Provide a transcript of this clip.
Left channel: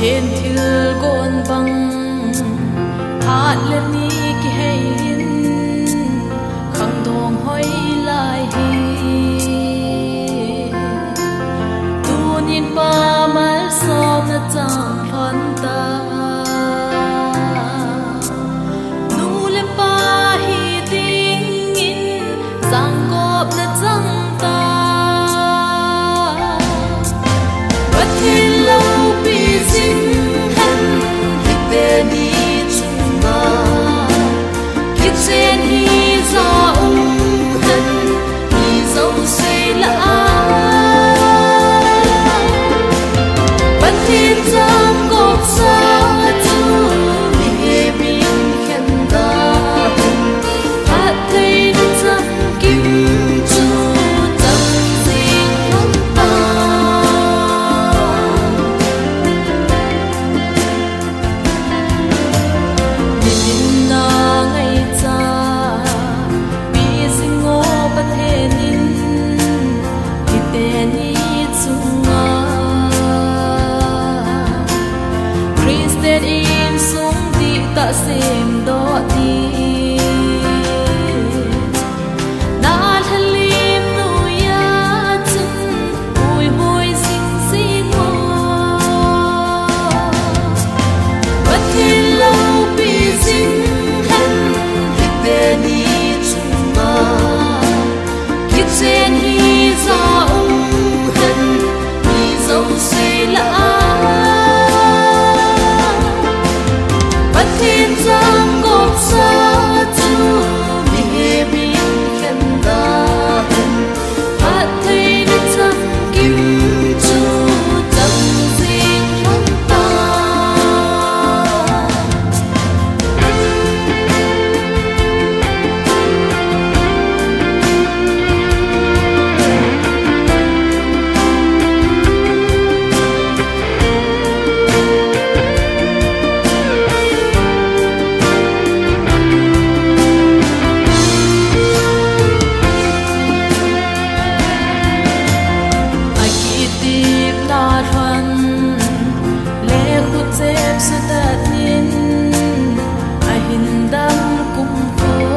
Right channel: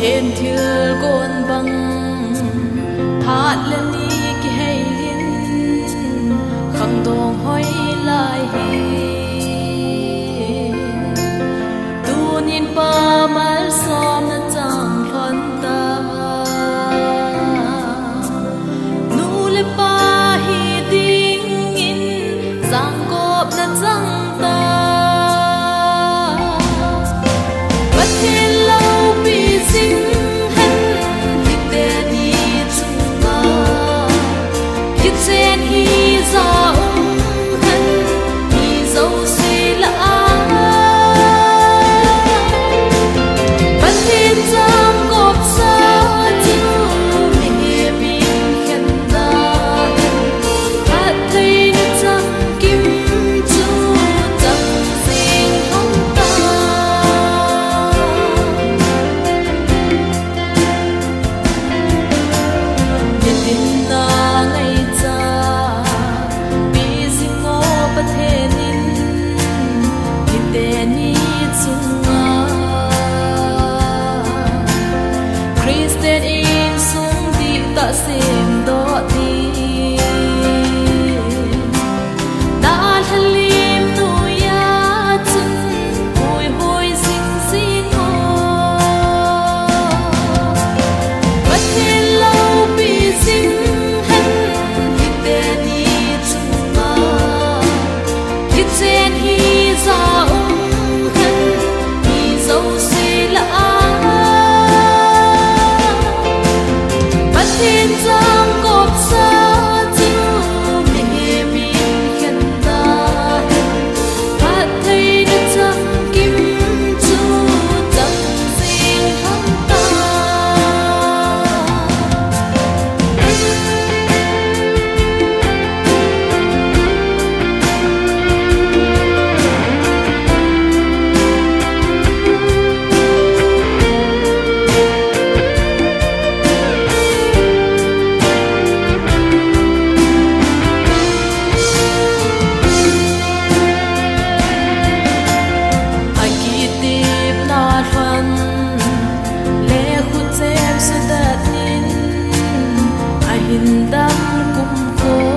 thiên thiêu gôn băng phát lên đi ki hay in khăng dong hoi lai hi tu nin pa mal som na chang thon ta nu le pa hi ding in giang gop na chang ta bất thiên lâu bị dính hen hít đê đi chung ma kiết sen hi ra hen hi dâu xây lạ bất thiên giam gộp xa tu mê min khen ta hát thấy nước dâm kim chu dâm riêng hông ta nên na ngày cha bị dính ngô bất thế nín hít tên ni chung Christian in sung di ta sim do di na halim nu ya chun hui hoi sing sing mo bất thiên lâu bị dính hen hít tên ni chung ma kiết sen hi ra hen hi dâu xây lạ bất thiên giang gộp xa tu mê min khen ta hát thấy nước dâm kim chu dâm riêng hông ta tiếp na thuần lệ khut xem su đạt nín ai hin đam cung khô